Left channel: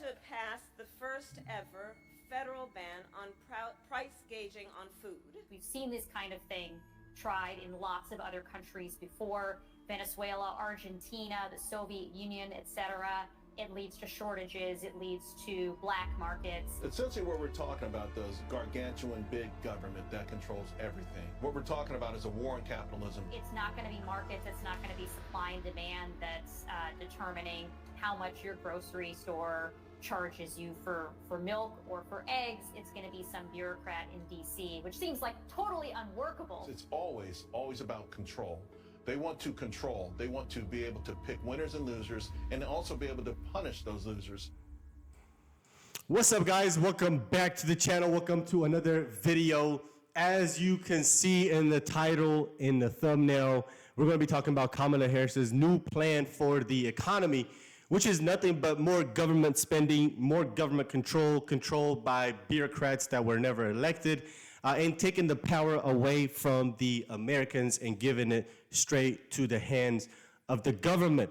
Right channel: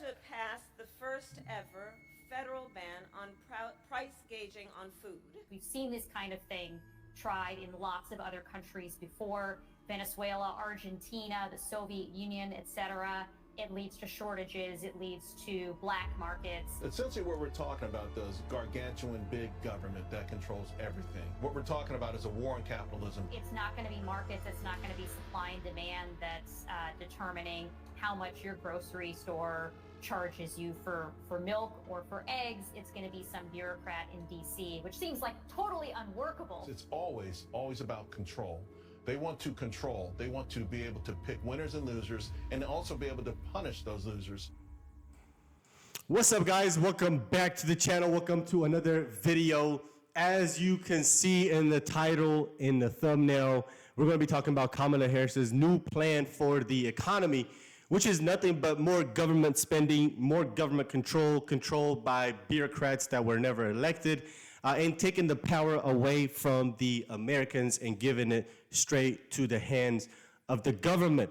to pass the first ever federal ban on price gauging on food. We've seen this kind of thing tried in lots of other countries before: Venezuela, Argentina, the Soviet Union, etc. It leads to shortages, it leads to black markets. Essentially what we're talking about is gargantuan big government that controls everything. What we're talking about is a war on capitalism. It's not going to be markets, it's not going to be supply and demand that's determining how much your grocery store charges you for milk or for eggs. It's going to be some bureaucrat in DC, which seems like totally unworkable. It's always about control. They want to control. They want to be able to pick winners and losers and also be able to punish those losers. What's up, guys? Welcome back to the channel. Welcome to another video. As you can see in the title, in the thumbnail, we're going to be talking about Kamala Harris's new plan for the economy, which is nothing but more government spending, more government controlled by bureaucrats that were never elected, and taking the power away from the Americans and giving it straight to the hands of the government.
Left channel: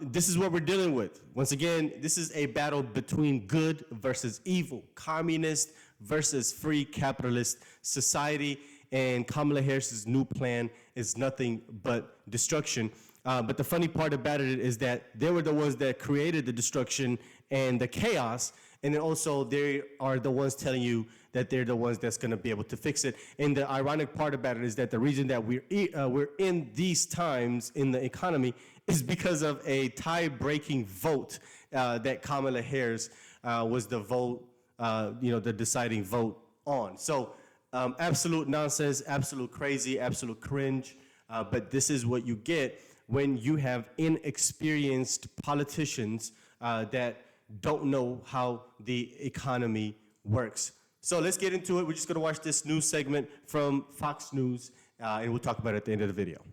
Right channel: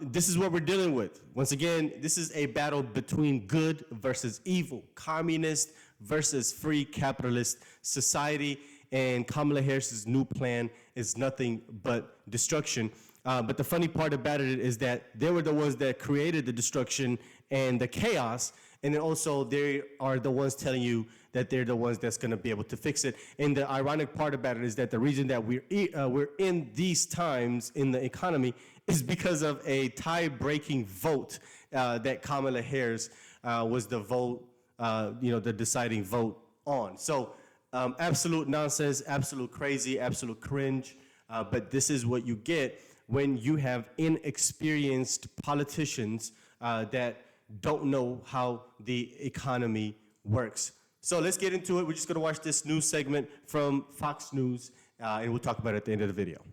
This is what we're dealing with. Once again, this is a battle between good versus evil, communist versus free capitalist society, and Kamala Harris's new plan is nothing but destruction. But the funny part about it is that they were the ones that created the destruction and the chaos, and then also they are the ones telling you that they're the ones that's going to be able to fix it. And the ironic part about it is that the reason that we're in these times in the economy is because of a tie-breaking vote that Kamala Harris was the vote, the deciding vote on. So absolute nonsense, absolute crazy, absolute cringe. But this is what you get when you have inexperienced politicians that don't know how the economy works. So let's get into it. We're just going to watch this news segment from Fox News, and we'll talk about it at the end of the video.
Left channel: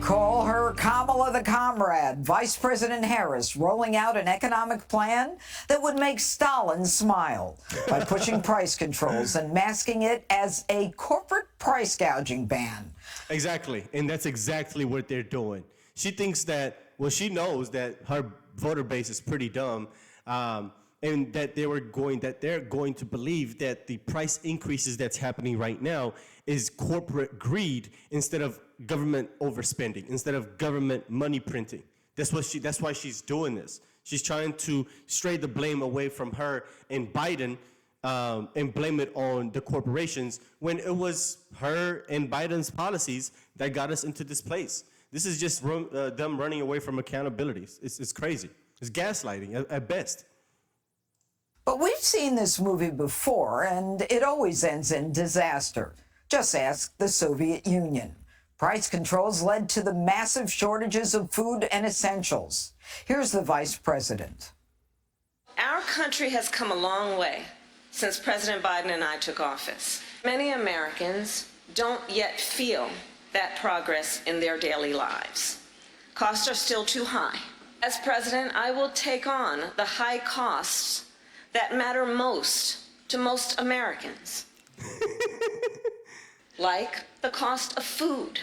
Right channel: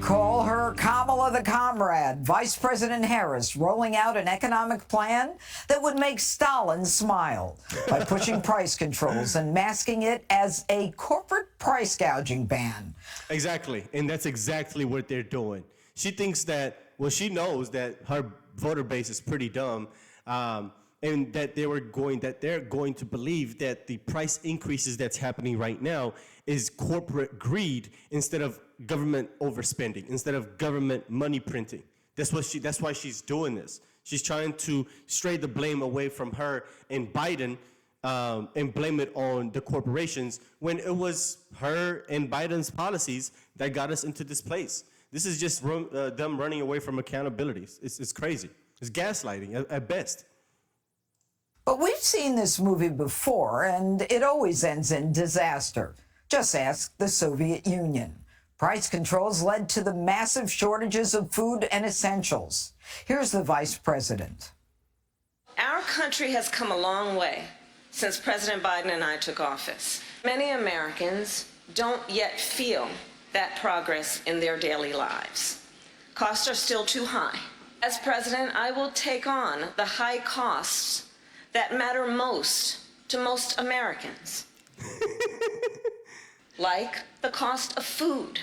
Call her Kamala the Comrade. Vice President Harris rolling out an economic plan that would make Stalin smile by pushing price controls and masking it as a corporate price gouging ban. Exactly, and that's exactly what they're doing. She thinks that, well, she knows that her voter base is pretty dumb, and that they're going to believe that the price increases that's happening right now is corporate greed instead of government overspending, instead of government money printing. That's why she's doing this. She's trying to stray the blame away from her and Biden, and blame it on the corporations, when it was her and Biden's policies that got us into this place. This is just them running away from accountability. It's crazy. It's gaslighting at best. But we've seen this movie before, and it always ends in disaster. Just ask the Soviet Union. Price controls led to the massive shortages of food and essentials. Here's the vice president. Our country has come a long way since President Biden and I took office. Many Americans don't yet feel that progress in their daily lives. Costs are still too high. As president, I will take on the high costs that matter most to most Americans, like the cost of food.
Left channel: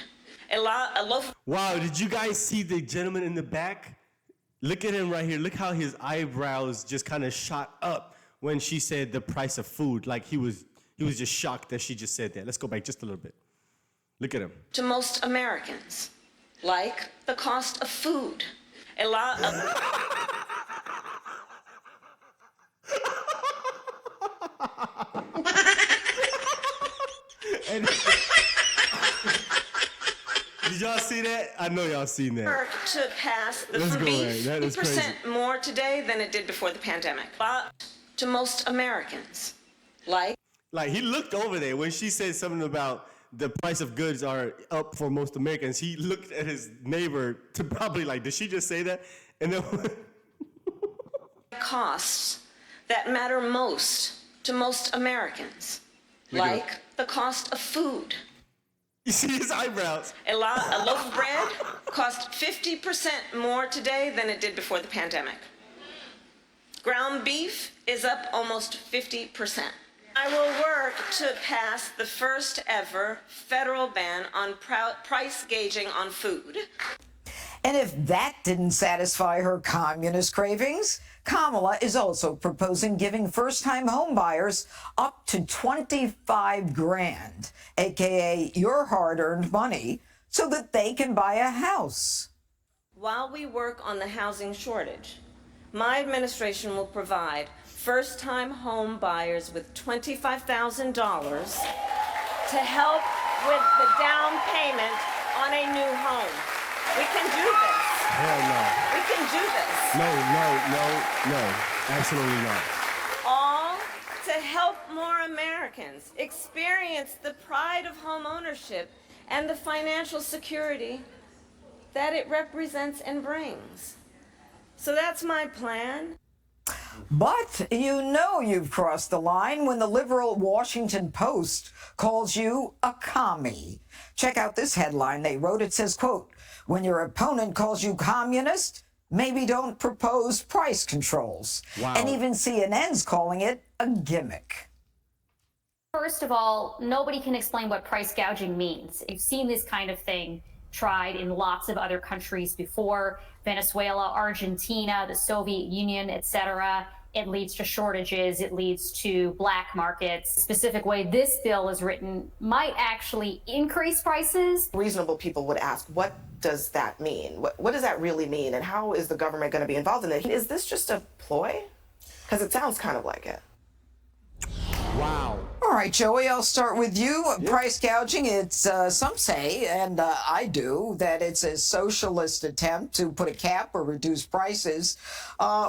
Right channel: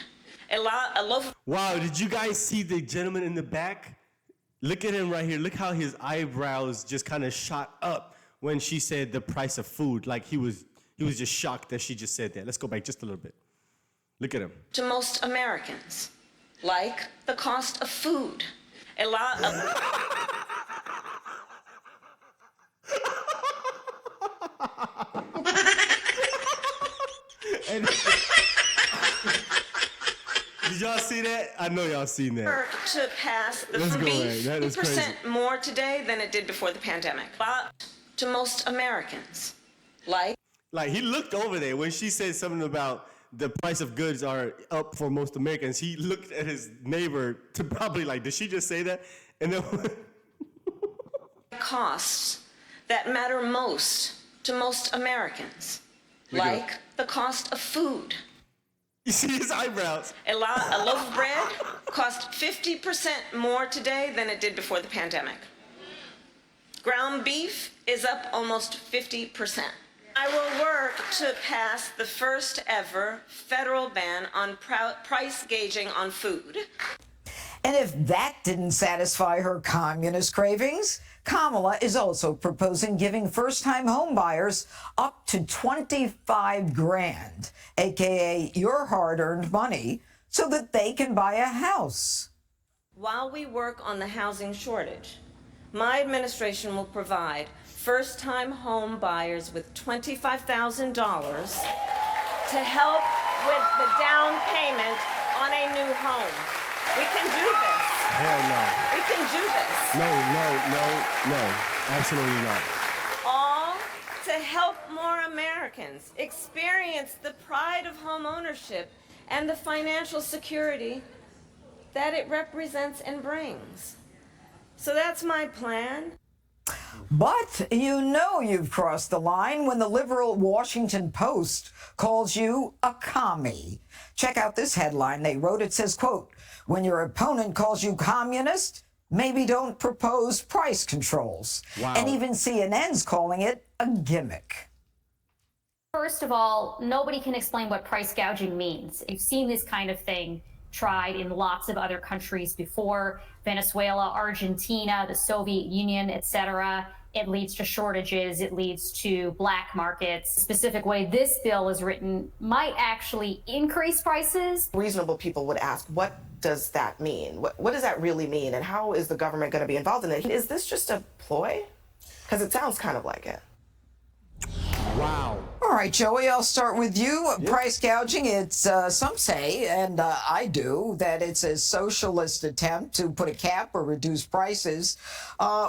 A loaf. Wow, did you guys see the gentleman in the back? Look at him right here. Look how his eyebrows just kind of shot up when she said the price of food. Like he was just shocked that she just said that. Let's go back just a little bit. Look at him. To most Americans, like the cost of food. A lot of. And did y'all see that? I know y'all seen that. To pass the Let's go, beef right. That is crazy. 50% more today than it did before the pandemic. But to most Americans, like he looked over there when she said something about the price of goods are up for most Americans. He looked at his neighbor to probably like, did she just say that? And then costs that matter most to most Americans, like the cost of food. You see his eyebrows. A loaf of bread costs 50% more today than it did before the pandemic. Ground beef is up almost 50%. I will work to pass the first ever federal ban on price gauging on food. And if that didn't satisfy her communist cravings, Kamala is also proposing giving first-time home buyers up to 25 grand, aka your hard-earned money, so that they can buy a house. While we work on the housing shortage, my administration will provide first-time home buyers with $25,000 to help with the down payment on a new home. We can do this. Hell no. We can do this. No. Absolutely not. All to help more Americans experience the pride of home ownership and the financial security that it represents and brings. So that's my plan. But you know you've crossed the line when the liberal Washington Post calls you a commie. Check out this headline they wrote. It says, quote, when your opponent calls you communist, maybe don't propose price controls. Wow. And even CNN's calling it a gimmick. First of all, nobody can explain what price gouging means. You've seen this kind of thing tried in lots of other countries before: Venezuela, Argentina, the Soviet Union, etc. It leads to shortages. It leads to black markets. The specific way this bill is written might actually increase prices. Reasonable people would ask, what does that mean? What does that really mean? And how is the government going to be involved in it? Is this just a ploy? Because it sounds kind of like it. Wow. All right, Joey, I'll start with you. Price gouging, it's some say, and I do, that it's a socialist attempt to put a cap or reduce prices,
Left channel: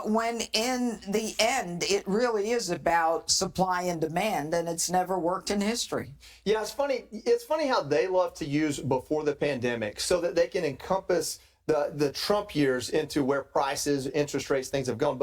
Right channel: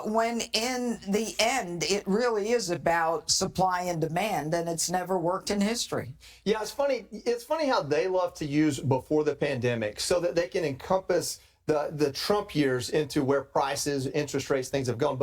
when in the end, it really is about supply and demand, and it's never worked in history. Yeah, it's funny. It's funny how they love to use before the pandemic so that they can encompass the Trump years into where prices, interest rates, things have gone.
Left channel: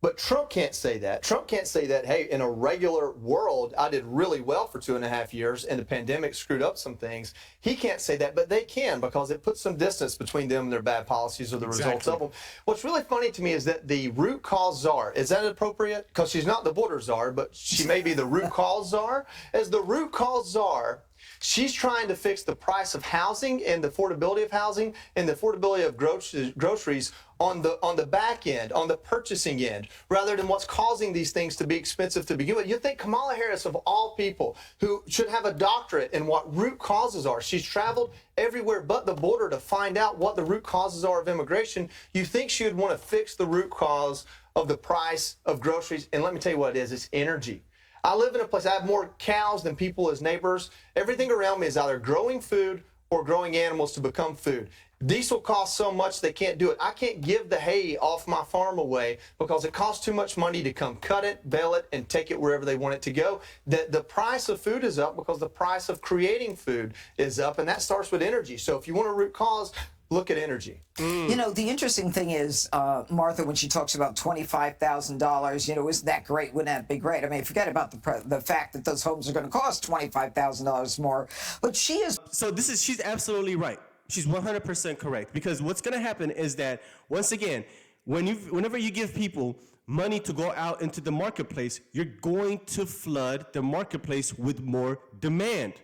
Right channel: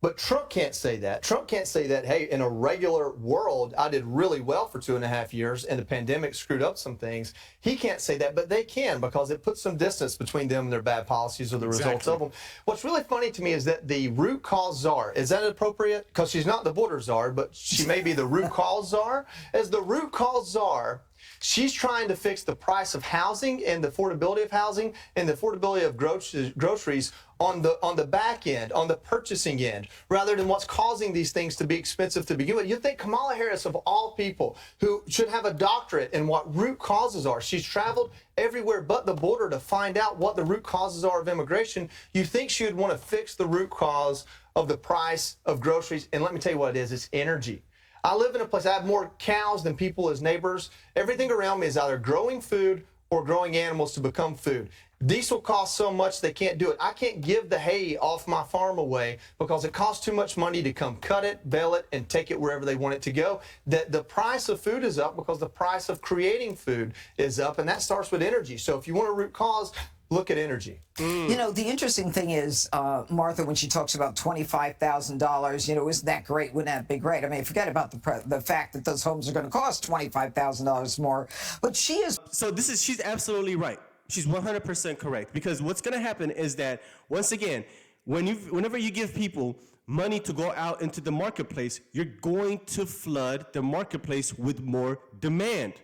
But Trump can't say that. Trump can't say that, hey, in a regular world, I did really well for 2.5 years and the pandemic screwed up some things. He can't say that, but they can, because it puts some distance between them and their bad policies or the results of them. What's really funny to me is that the root cause czar, is that appropriate? Because she's not the border czar, but she may be the root cause czar. As the root cause czar, she's trying to fix the price of housing and the affordability of housing and the affordability of groceries on the back end, on the purchasing end, rather than what's causing these things to be expensive to begin with. You think Kamala Harris, of all people, who should have a doctorate in what root causes are, she's traveled everywhere but the border to find out what the root causes are of immigration. You think she would want to fix the root cause of the price of groceries? And let me tell you what it is. It's energy. I live in a place, I have more cows than people as neighbors. Everything around me is either growing food or growing animals to become food. Diesel costs so much they can't do it. I can't give the hay off my farm away because it costs too much money to come cut it, bale it, and take it wherever they want it to go. The price of food is up because the price of creating food is up, and that starts with energy. So if you want a root cause, look at energy. You know, the interesting thing is, Martha, when she talks about $25,000, you know, isn't that great? Wouldn't that be great? I mean, forget about the fact that those homes are going to cost $25,000 more. But she is. So she's absolutely right. She's 100% correct, because what's going to happen is that, once again, whenever you give people money to go out into the marketplace, you're going to flood the marketplace with more demand,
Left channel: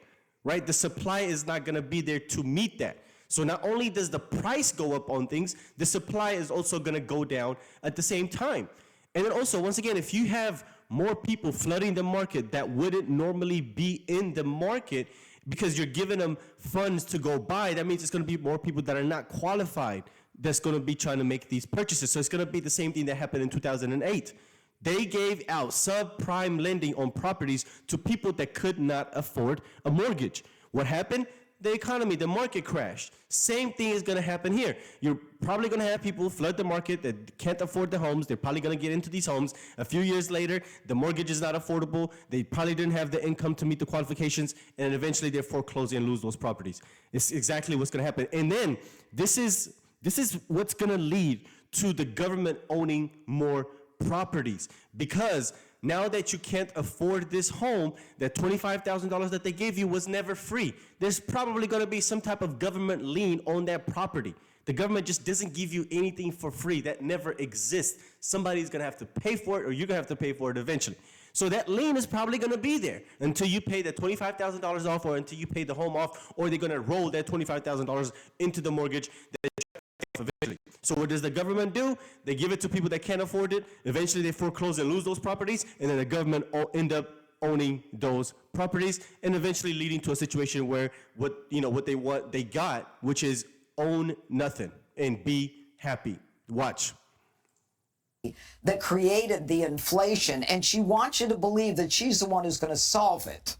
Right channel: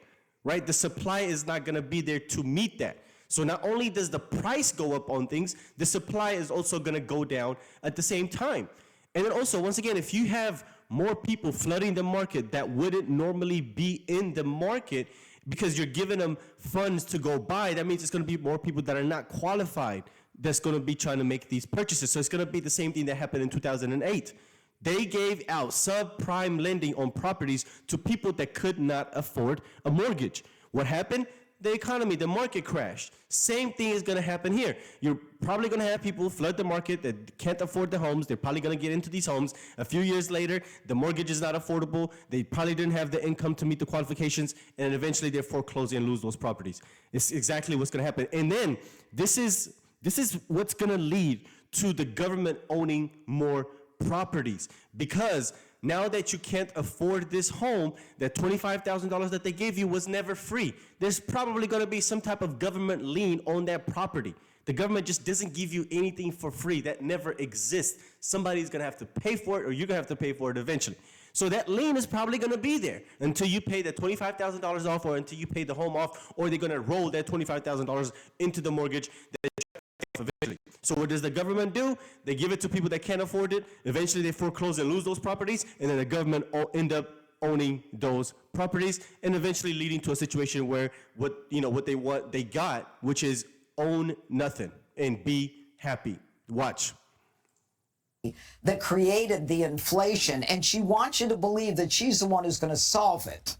right? The supply is not going to be there to meet that. So not only does the price go up on things, the supply is also going to go down at the same time. And then also, once again, if you have more people flooding the market that wouldn't normally be in the market because you're giving them funds to go buy, that means it's going to be more people that are not qualified that's going to be trying to make these purchases. So it's going to be the same thing that happened in 2008. They gave out subprime lending on properties to people that could not afford a mortgage. What happened? The economy, the market crashed. Same thing is going to happen here. You're probably going to have people flood the market that can't afford the homes. They're probably going to get into these homes. A few years later, the mortgage is not affordable. They probably didn't have the income to meet the qualifications, and eventually they're foreclosing and lose those properties. It's exactly what's going to happen. And then this is what's going to lead to the government owning more properties, because now that you can't afford this home, that $25,000 that they gave you was never free. There's probably going to be some type of government lien on that property. The government just doesn't give you anything for free. That never exists. Somebody's going to have to pay for it, or you're going to have to pay for it eventually. So that lien is probably going to be there until you pay that $25,000 off, or until you pay the home off, or they're going to roll that $25,000 into the mortgage that eventually. So what does the government do? They give it to people that can't afford it. Eventually they foreclose and lose those properties, and then the government end up owning those properties, and eventually leading to a situation where what they want, they got, which is own nothing and be happy. Watch. That created the inflation, and she wants you to believe that she's the one who's going to solve it.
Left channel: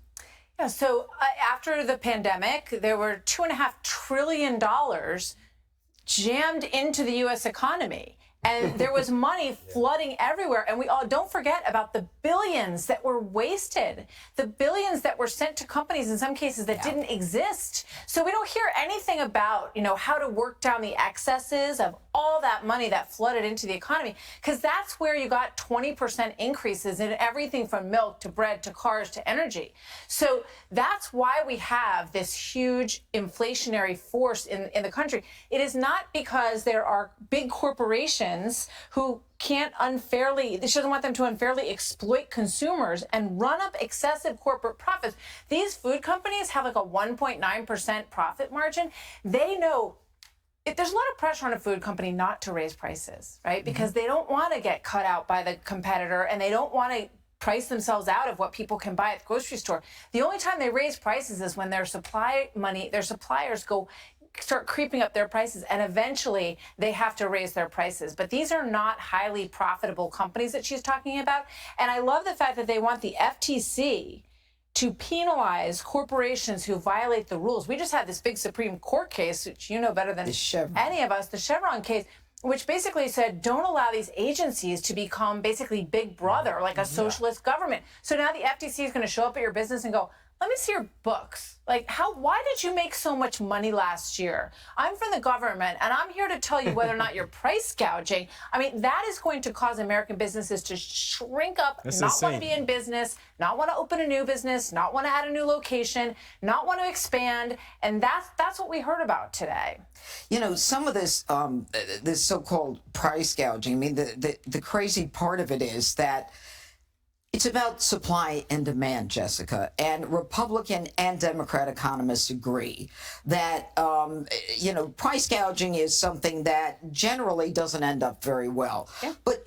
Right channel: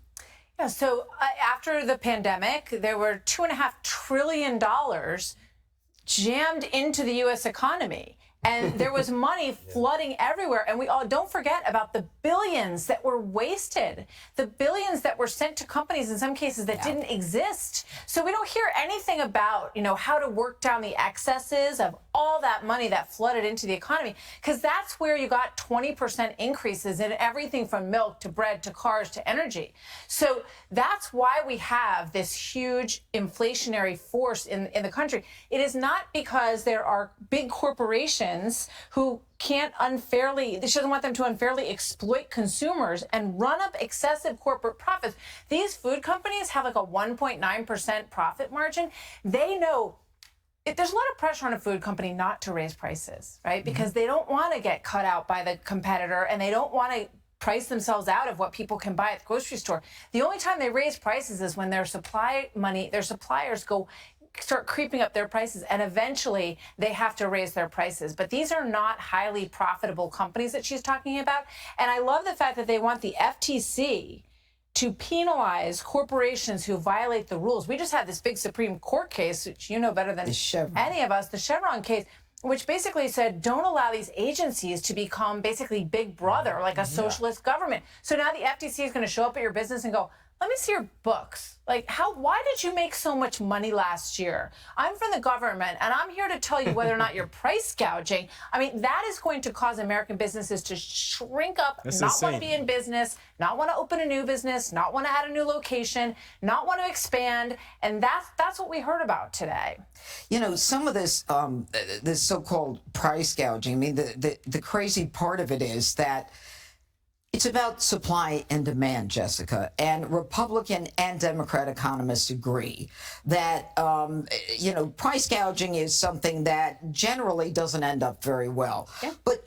Yeah, so after the pandemic, there were $2.5 trillion jammed into the U.S. economy. And there was money flooding everywhere. And we all don't forget about the billions that were wasted, the billions that were sent to companies in some cases that didn't exist. So we don't hear anything about, how to work down the excesses of all that money that flooded into the economy, because that's where you got 20% increases in everything from milk to bread to cars to energy. So that's why we have this huge inflationary force in the country. It is not because there are big corporations who can't unfairly, she doesn't want them to unfairly exploit consumers and run up excessive corporate profits. These food companies have like a 1.9% profit margin. They know there's a lot of pressure on a food company not to raise prices, right? Because they don't want to get cut out by the competitor, and they don't want to price themselves out of what people can buy at the grocery store. The only time they raise prices is when their suppliers start creeping up their prices, and eventually they have to raise their prices. But these are not highly profitable companies that she's talking about. And I love the fact that they want the FTC to penalize corporations who violate the rules. We just had this big Supreme Court case, which you know better than any of us, the Chevron case, which basically said, don't allow these agencies to become basically Big Brother, like a socialist government. So now the FTC is going to show up at your business and go, let me see your books. Like, why did you make so much money last year? I'm from the government, and I'm here to tell you whether or not you're price gouging. I mean, that is going to cause American businesses to shrink up, not want to be in business, not want to open a new business, not want to add a new location, not want to expand. And that's what we heard about today. Some of this, this so-called price gouging, I mean, the crazy part of it is that it's about supply and demand, Jessica, and Republican and Democrat economists agree that, price gouging is something that generally doesn't end up very well. Yeah. But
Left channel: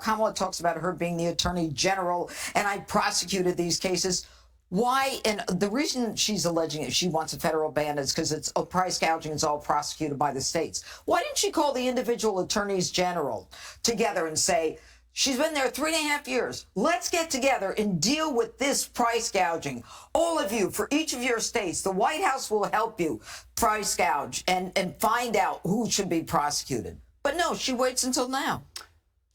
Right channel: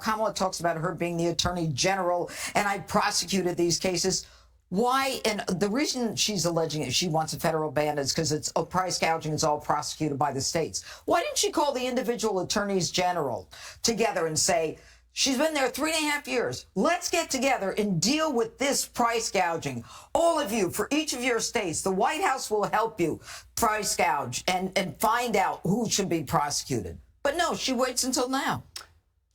Kamala talks about her being the attorney general, and I prosecuted these cases. Why? And the reason she's alleging it, she wants a federal ban, is because it's price gouging is all prosecuted by the states. Why didn't she call the individual attorneys general together and say, she's been there 3.5 years. Let's get together and deal with this price gouging. All of you, for each of your states, the White House will help you price gouge and find out who should be prosecuted. But no, she waits until now.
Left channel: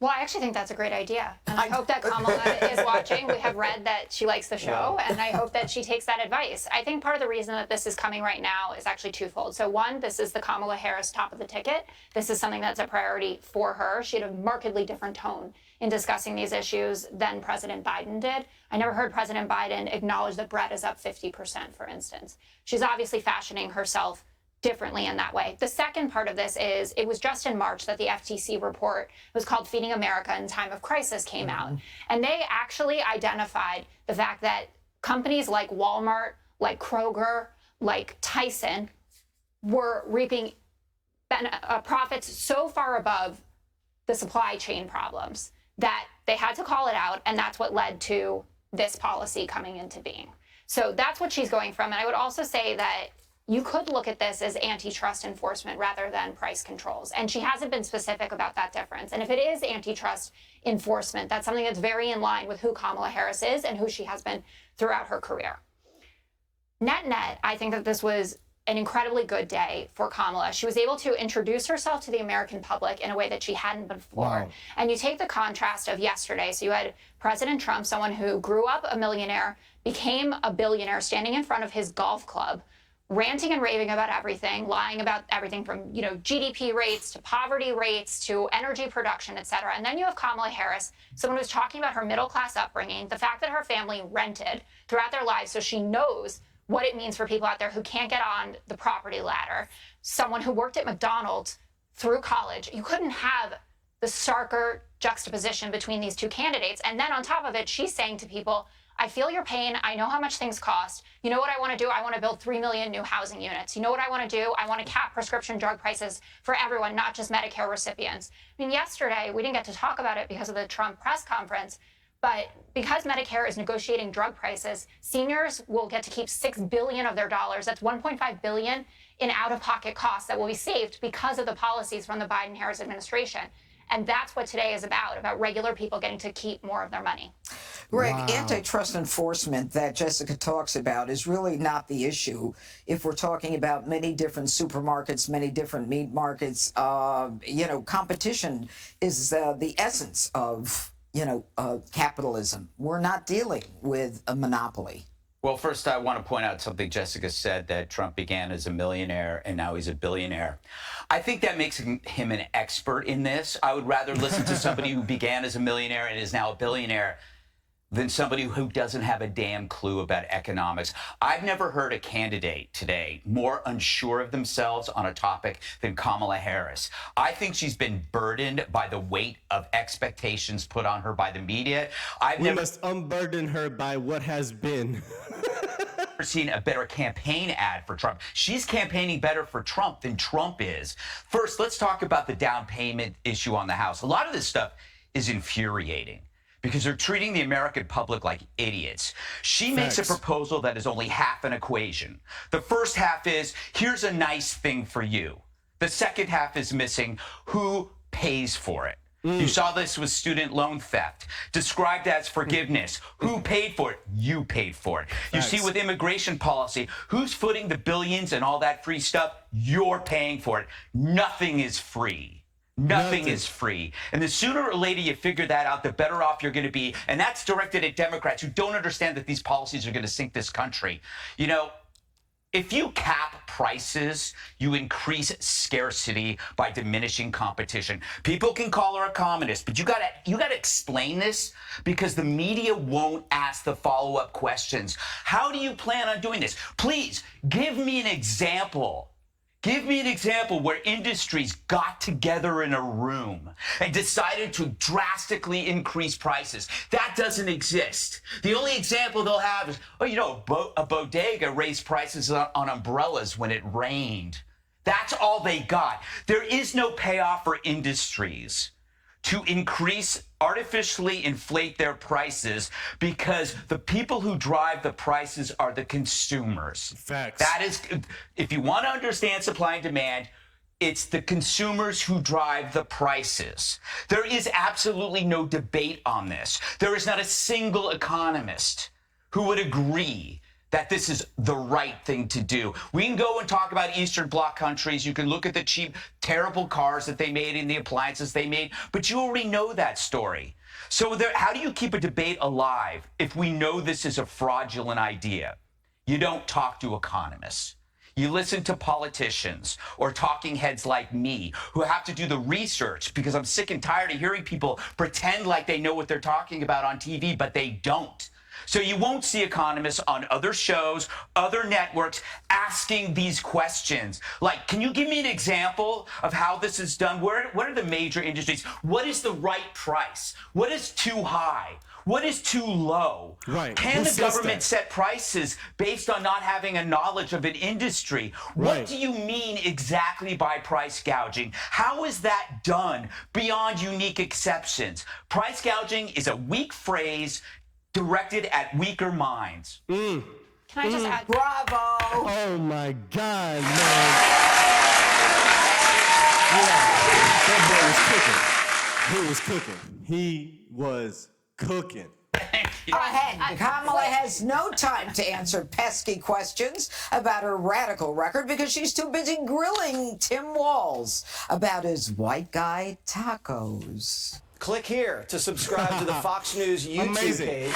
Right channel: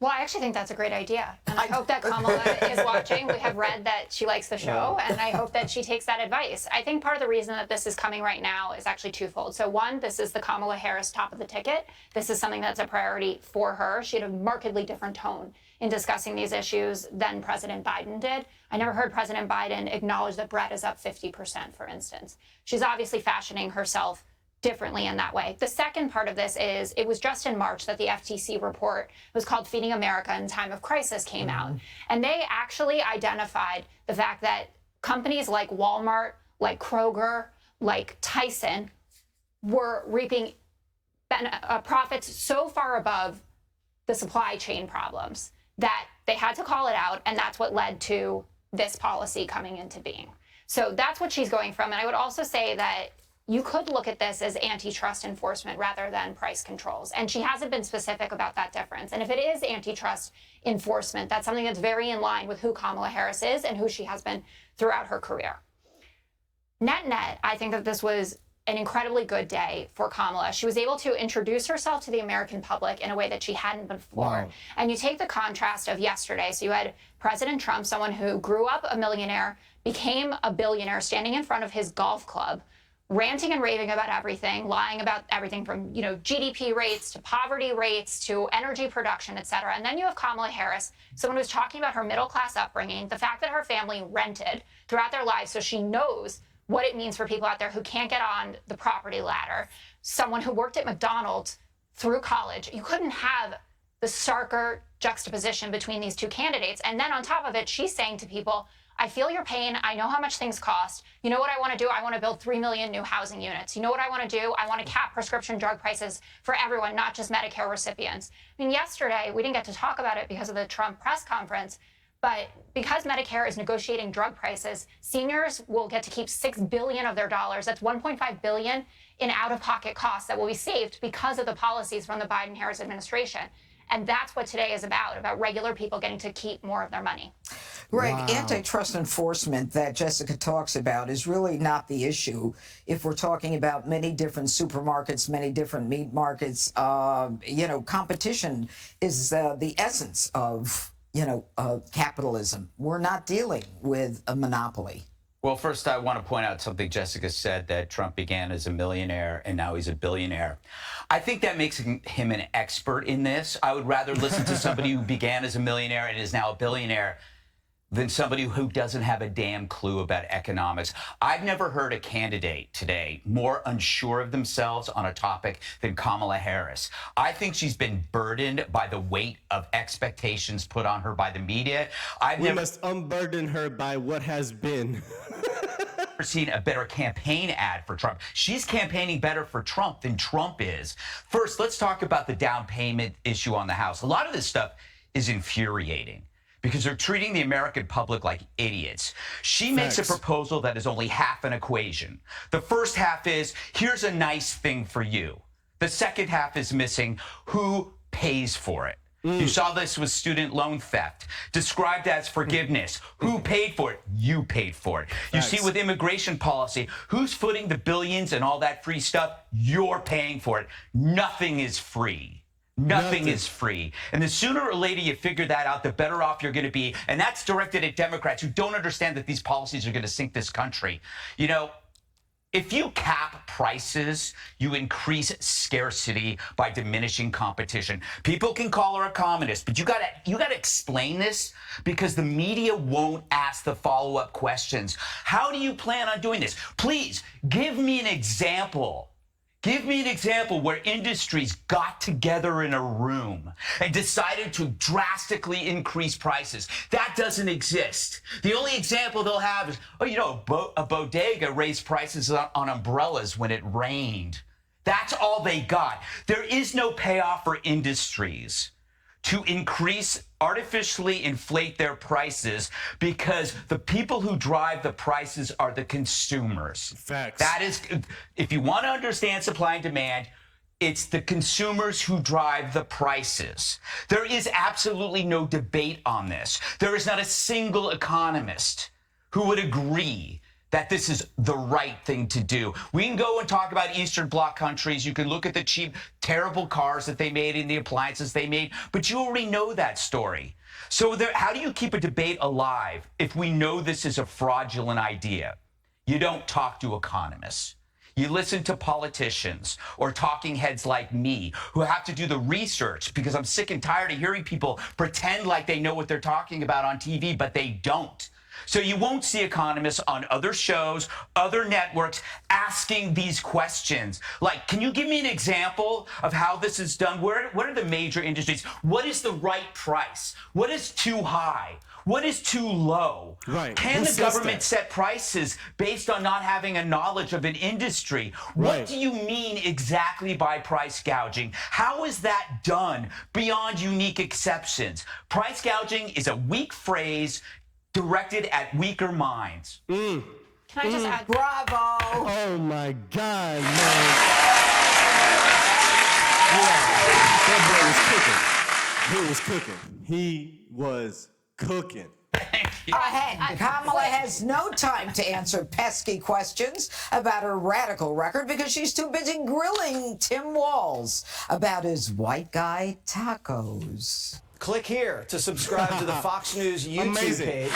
Well, I actually think that's a great idea. And I hope that Kamala is watching. We have read that she likes the show, and I hope that she takes that advice. I think part of the reason that this is coming right now is actually twofold. So one, this is the Kamala Harris top of the ticket. This is something that's a priority for her. She had a markedly different tone in discussing these issues than President Biden did. I never heard President Biden acknowledge that bread is up 50%, for instance. She's obviously fashioning herself differently in that way. The second part of this is, it was just in March that the FTC report, it was called Feeding America in Time of Crisis, came out. And they actually identified the fact that companies like Walmart, like Kroger, like Tyson were reaping profits so far above the supply chain problems that they had to call it out, and that's what led to this policy coming into being. So that's what she's going from. And I would also say that you could look at this as antitrust enforcement rather than price controls. And she hasn't been specific about that difference. And if it is antitrust enforcement, that's something that's very in line with who Kamala Harris is and who she has been throughout her career. Net, I think that this was an incredibly good day for Kamala. She was able to introduce herself to the American public in a way that she hadn't before. Wow. And you take the contrast of yesterday. So you had President Trump, someone who grew up a millionaire, became a billionaire, standing in front of his golf club, ranting and raving about everything, lying about everything from, GDP rates to poverty rates to energy production, et cetera. And then you have Kamala Harris, someone who's talking about her middle-class upbringing, the fact that her family rented throughout their lives, so she knows what it means for people out there who can't get on the property ladder, someone who worked at McDonald's through college. You couldn't have the starker juxtaposition between these two candidates. And then on top of it, she's saying to people, I I feel your pain. I know how much things cost. You know what I want to do? I want to build 3 million new housing units. You know what I want to do? I want to cap prescription drug prices for everyone, not just Medicare recipients. I mean, yesterday, we didn't get to talk about it because of the Trump press conference, but because Medicare is negotiating drug prices, seniors will get to keep $6 billion of their dollars. That's $1.5 billion in out-of-pocket costs that will be saved because of the policies from the Biden-Harris administration. And that's what today is about regular people getting to keep more of their money. Greg, antitrust enforcement that Jessica talks about is really not the issue. If we're talking about many different supermarkets, many different meat markets, competition is the essence of, capitalism. We're not dealing with a monopoly. Well, first, I want to point out something Jessica said, that Trump began as a millionaire and now he's a billionaire. I think that makes him an expert in this. I would rather listen to somebody who began as a millionaire and is now a billionaire than somebody who doesn't have a damn clue about economics. I've never heard a candidate today more unsure of themselves on a topic than Kamala Harris. I think she's been burdened by the weight of expectations put on her by the media. We must unburden her by what has been. Never seen a better campaign ad for Trump. She's campaigning better for Trump than Trump is. First, let's talk about the down payment issue on the House. A lot of this stuff is infuriating because they're treating the American public like idiots. She makes a proposal that is only half an equation. The first half is, here's a nice thing for you. The second half is missing, who pays for it? You saw this with student loan theft, described as forgiveness. Who paid for it? You paid for it. You see with immigration policy, who's footing the billions and all that free stuff? You're paying for it. Nothing is free. Nothing is free. And the sooner or later you figure that out, the better off you're going to be. And that's directed at Democrats who don't understand that these policies are going to sink this country. You know, if you cap prices, you increase scarcity by diminishing competition. People can call her a communist, but you gotta explain this because the media won't ask the follow-up questions. How do you plan on doing this? Please give me an example. Give me an example where industries got together in a room and decided to drastically increase prices. That doesn't exist. The only example they'll have is, a bodega raised prices on umbrellas when it rained. That's all they got. There is no payoff for industries to artificially inflate their prices because the people who drive the prices are the consumers. Facts. That is, if you want to understand supply and demand, it's the consumers who drive the prices. There is absolutely no debate on this. There is not a single economist who would agree that this is the right thing to do. We can go and talk about Eastern Bloc countries. You can look at the cheap, terrible cars that they made and the appliances they made, but you already know that story. So how do you keep a debate alive if we know this is a fraudulent idea? You don't talk to economists. You listen to politicians or talking heads like me who have to do the research because I'm sick and tired of hearing people pretend like they know what they're talking about on TV, but they don't. So you won't see economists on other shows, other networks asking these questions. Like, can you give me an example of how this is done? What are the major industries? What is the right price? What is too high? What is too low? Right. Can the government set prices based on not having a knowledge of an industry? Right. What do you mean exactly by price gouging? How is that done beyond unique exceptions? Price gouging is a weak phrase directed at weaker minds. Can I just add? Bravo! Oh my God, man. Yeah, that boy was cooking. He was cooking. Ahead, Kamala has no time to answer pesky questions about her radical record because she's too busy grilling Tim Walz about his white guy tacos. Click here to subscribe to the Fox News YouTube page.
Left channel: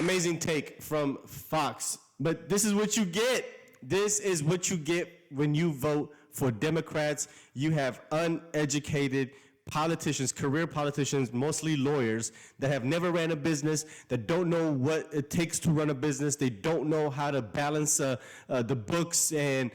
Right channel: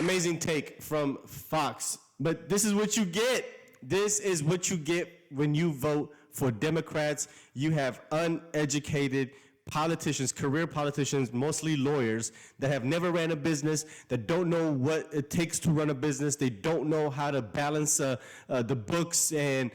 Amazing take from Fox. But this is what you get. This is what you get when you vote for Democrats. You have uneducated politicians, career politicians, mostly lawyers, that have never ran a business, that don't know what it takes to run a business. They don't know how to balance the books and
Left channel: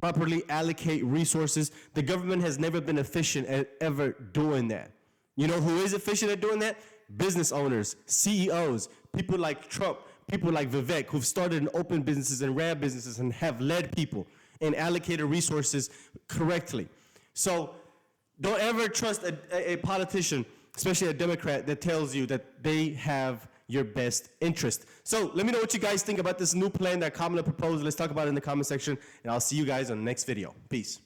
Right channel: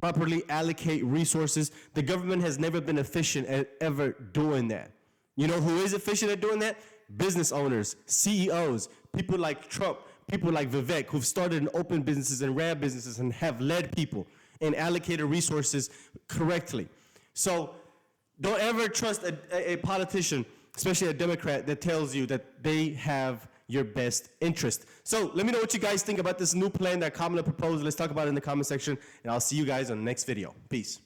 properly allocate resources. The government has never been efficient at ever doing that. You know who is efficient at doing that? Business owners, CEOs, people like Trump, people like Vivek, who've started and opened businesses and ran businesses and have led people and allocated resources correctly. So don't ever trust a politician, especially a Democrat, that tells you that they have your best interest. So let me know what you guys think about this new plan that Kamala proposed. Let's talk about it in the comment section, and I'll see you guys on the next video. Peace.